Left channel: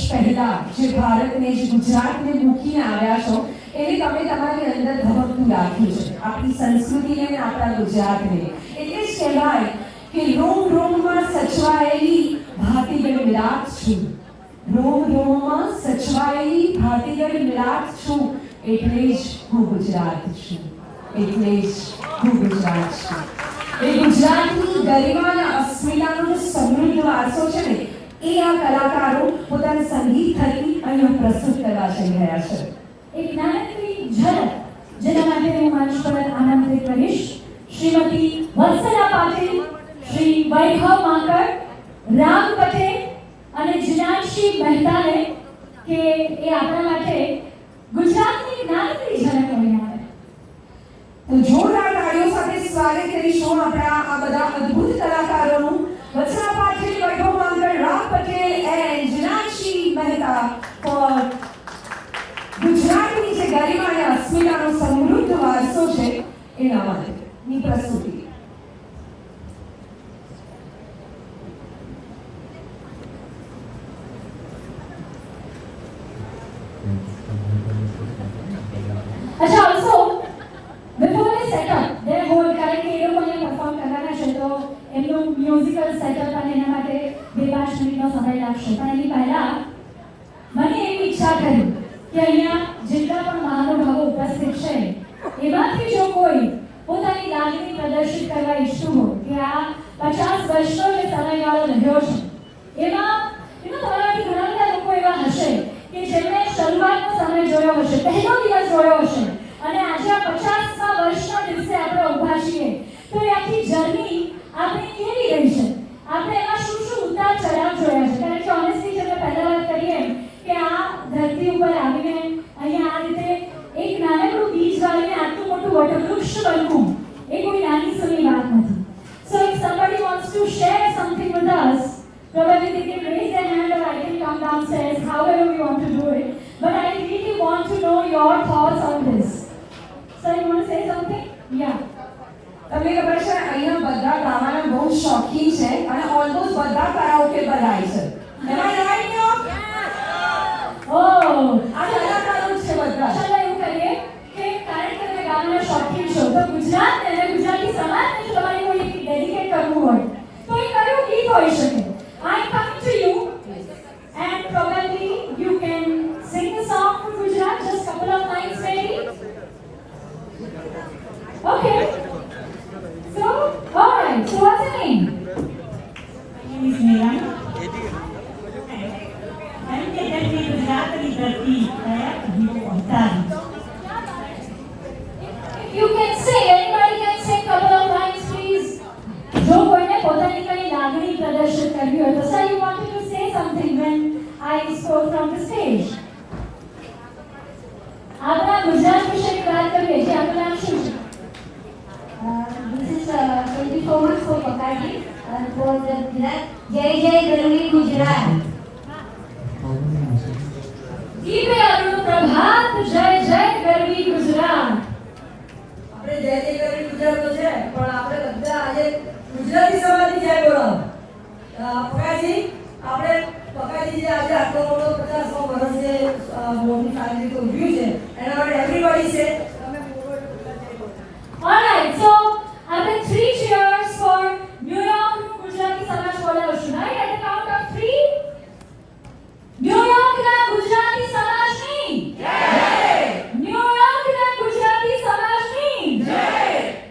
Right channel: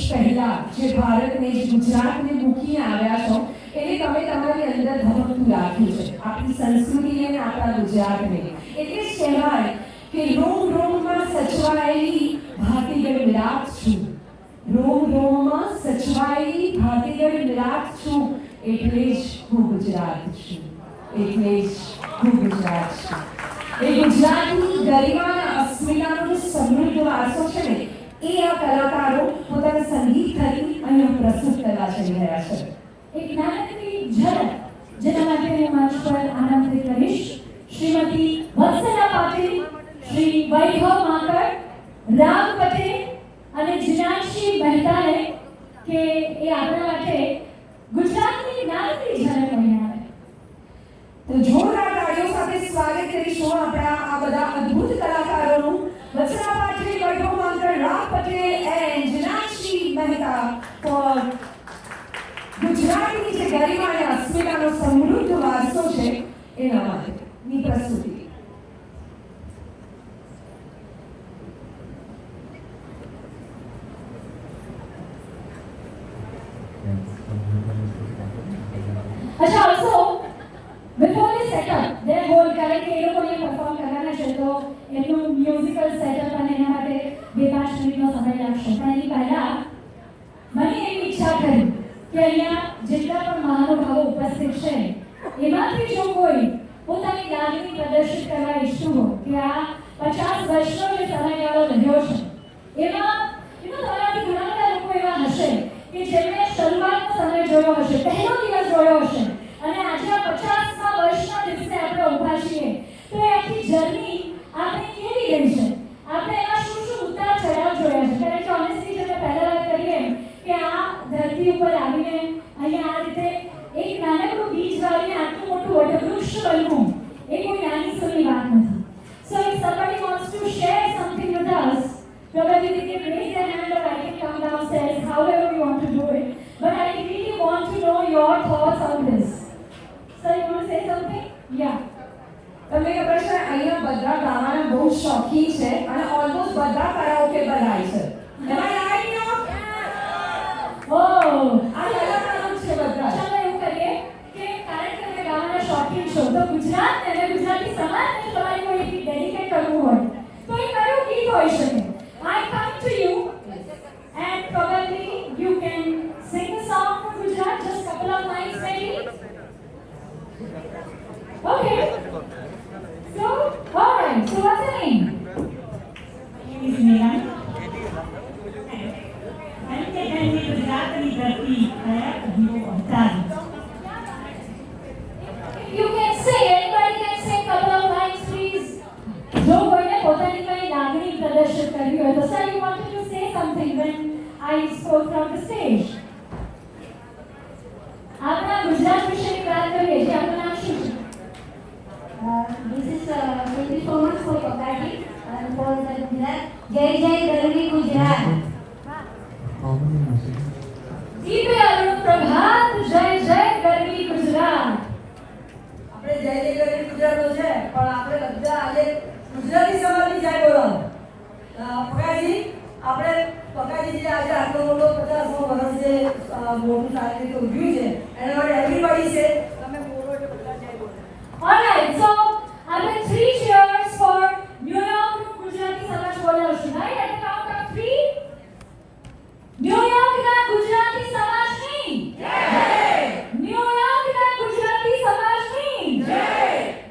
વર્ષ પહેલા જે ભારતને જે ગુજરાતને મૂકીને આવ્યા છો એને તમે તમારી અંદર ધબકતું રાખ્યું છે, આપણી સંસ્કૃતિને અને આપણા ગુજરાતને. એટલે જ કહેવાય કે રોમ રોમમાં સચવાયેલી ભાતીગળ મિલાપ છું, રોમ રોમમાં સચવાયેલી ભાતીગળ મિલાપ છું, એટલે જ હું ગુજરાત છું, એટલે જ હું ગુજરાત છું. એ ગુજરાતની ગરિમાના અસ્મિતાનો સમૃદ્ધ વારસો છે ને, એ આ કલાકારો પોતાના સંગીત થકી અહીંયા પ્રસ્તુત કરવા જઈ રહ્યા છે. એક નાનકડી ઝલક જેના માટે હું મંચ પર આમંત્રિત કરીશ શ્રીમતી વત્સલા પાટીલ, શ્રી વૈભવ માંકડ, રામ પટેલ અને જીનાક્ષી મહેતાને કે એ આપણા માટે ગુજરાતની નાનકડી ઝલક લઈને આવે. તો જોરદાર તાળીઓ સાથે સ્વાગત કરીશું આપણા આ બધા અદ્ભુત કલાકારોનું. વત્સલા પાટીલ, વૈભવ માંકડ, રામ પટેલ એન્ડ જીનાક્ષી મહેતા ફોર ગુજરાતની જે ગરિમા અને અસ્મિતાનો સમૃદ્ધ વારસો છે એના માટેની પ્રસ્તુતિ. अच्छा, also before they set up their whole કારણ કે એ લોકોને પરફોર્મ કરવાના છે તો એમનું મ્યુઝિકલ સેટઅપ અને એના માટે 2-5 મિનિટનો સમય લાગશે. પણ એની પહેલા મને એવી ઈચ્છા થઈ કે અહીંયા જેટલા પણ મહાનુભાવો ઉપસ્થિત છે એમાંથી જો કોઈ પોતાની લાગણી પ્રદર્શિત કરવા ઈચ્છતું હોય કે આ 50 વર્ષનો જે સમયગાળો રહ્યો છે એમાં તમારાથી ઘણા બધા લોકો એવા હશે કે જેમણે શરૂઆતનો સમય જોયો હશે, પહેલો દિવસ જોયો હશે અને આજે 50મા વર્ષના દિવસે આપણે ઊભા છીએ. તો એ આખી જર્ની આપણે કેવી રહી છે, આપણે એમાં શું શું ઉતાર ચઢાવ જોયા છે. કારણ કે ઓનેસ્ટલી જેને પહેલા વાત કરીએ કે આ ધરતી ઉપર આવીને અહીંયા આ રીતે એક નાનકડું બીજ વાવીને આટલું મોટું વટવૃક્ષ બનવું એ કોઈ નાની સૂની વાત નથી. So if somebody wants to share something with us, probably they can raise their hand or I can come downstairs, however we want to do it. But I really want to know your thoughts on this. Sir, you want to say something? Yeah. તમને ખબર છે અહીંયા બધા ગાવાના બહુ શોખીન છે અને almost બધા કરાઓકે પર ગાય છે. Oh, આ કલાકારો છે બધા. ચાલો એવું કરીએ કે કારણ કે તમે ગાવાના શોખીન છો તો ગુજરાત અને ગુજરાતી સમાજને જો તમારે કોઈ ડેડિકેટ કરવું હોય તો એ કયું ગીત હોઈ શકે? I come to you and probably you can sing the song from Gujarat, just couple of lines maybe. Okay. So, all right. So what's your name? My name is Neha. You can sing. Anybody can sing couple of lines, please. જો કોઈને પોતાની કઈ લાગણી પ્રદર્શિત કરવી હોય તો sir, you wanted to say something when I spoke from the stage. આપણા ગુજરાત વિશેની વાત કરીએ છીએ. આપનું નામ શું છે? This is thank you so much for Pakadi and for the Gujarat. Jai Jai Garvi Gujarat. દીપે Arun પ્રભાત, જય જય ગરવી ગુજરાત. આપણે જય જય કરી ગુજરાતો છે પણ આપણે બધા આજે ગુજરાતી સમાજની જય બોલાવો. પકાજી આપણે પકાજી જે આજે આટલો મોટો 50મો વર્ષ જે મોટું સારી રીતે ઉજવ્યું છે એના માટે એવરીબડી છે તમે બોલો એટલે બધા જય બોલો. All right, so આપણે 3 cheers for New York Gujarati સમાજ બોલાવશું. Right, at the count of 3. New York ના ગુજરાતી સમાજની જય. New York ના ગુજરાતી સમાજની જય.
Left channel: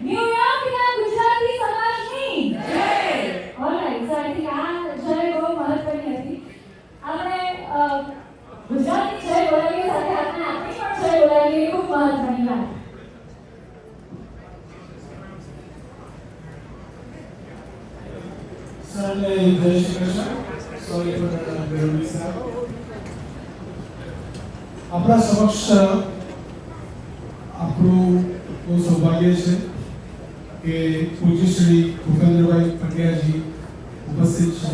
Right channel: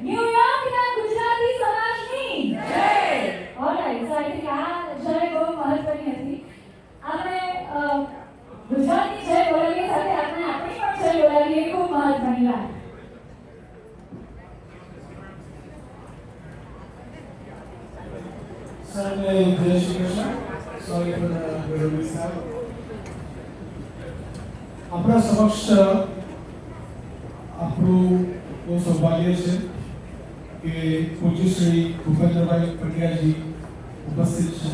New York ના ગુજરાતી સમાજની જય. All right, so I think આ જય બહુ મહત્વની હતી. આપણે ગુજરાતી જય બોલાવીએ સાથે આપણે આપણી પણ જય બોલાવીએ, એ ખૂબ મહત્વની વાત. આપણા સમક્ષ આપણું બહુ સૌભાગ્ય છે કે પૂજ્ય શ્રી ભૂપેન્દ્રભાઈ પંડ્યાજી ઉપસ્થિત છે.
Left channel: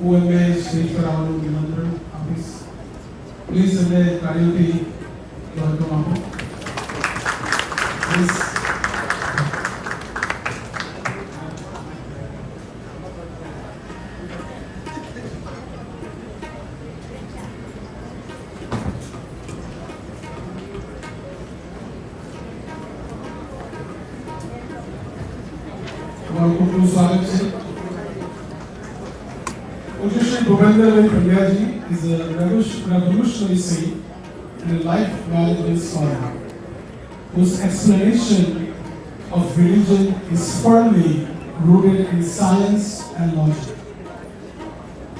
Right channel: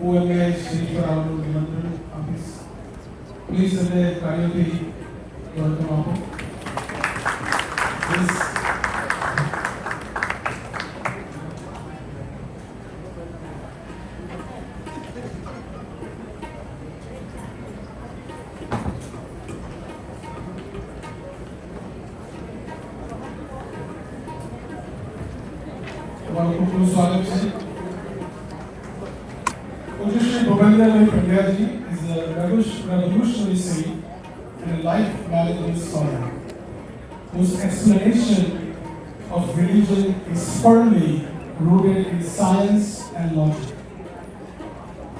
હું એમને સ્ટેજ પર આવવાનું નિમંત્રણ આપીશ. પ્લીઝ એમને તાળીઓથી વેલકમ આપો. પ્લીઝ. તમારું ખૂબ ખૂબ સ્વાગત છે. પૂજ્ય Shri Bhupendrabhai Pandyaji is a revolutionary saint and a life management scholar whose explanation of religion is firmly rooted in science and logic.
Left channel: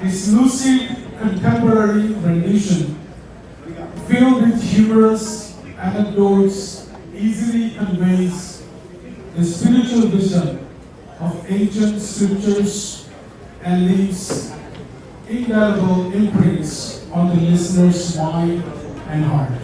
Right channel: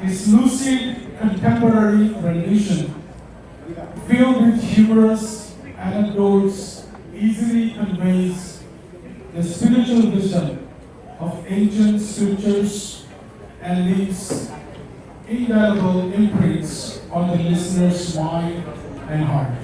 His lucid contemporary rendition, filled with humorous anecdotes, easily conveys the spiritual wisdom of ancient scriptures and leaves indelible imprints on the listener's mind and heart.